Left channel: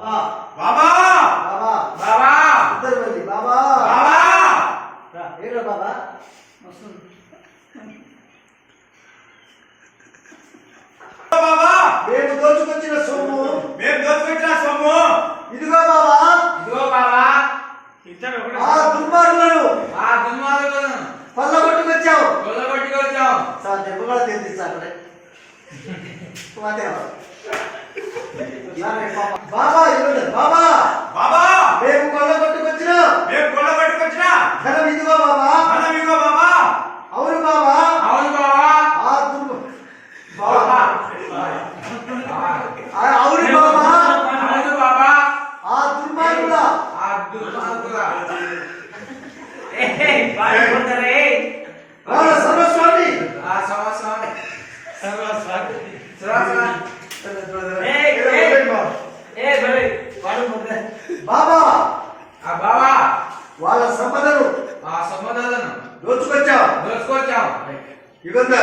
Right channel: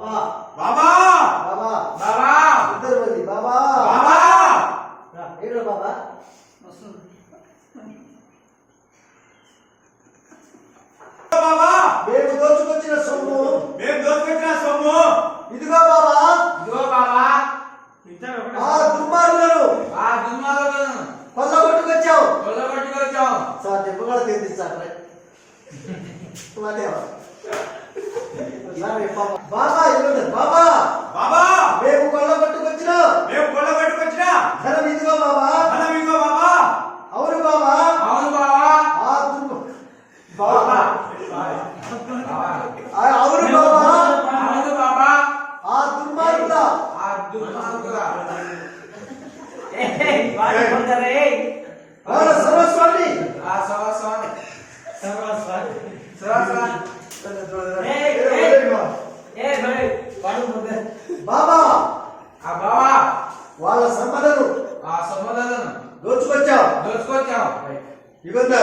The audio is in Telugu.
బాబా బాబా బాబా ఇద్దరు మంది బాబా బాబా ఏంటో బాబా బాబా మేము దోచుకొచ్చిన సొమ్ము ఇదిగో బాబా ఇదిగో బాబా ఆ దుర్మార్గులను దుర్మార్గులను కొల్లగొట్టుకొచ్చావు కొల్లగొట్టుకొచ్చావు. సార్ దెబ్బ కూడా తీర్చిస్తాను బాబా ఇవ్వండి బాబా బాబా మేము కొల్లగొట్టుకొచ్చిన ధనం ఇదిగో బాబా బాబా అవును బాబా అవును బాబా ఆ బాబా అవును బాబా అవును బాబా ఆ దుర్మార్గుల దుర్మార్గుల వాళ్ళ సర్వస్వామి బాబా బాబా వాళ్ళ సంపదను సంపదలను దోచుకొచ్చావు దోచుకొచ్చావు. ఇవ్వండి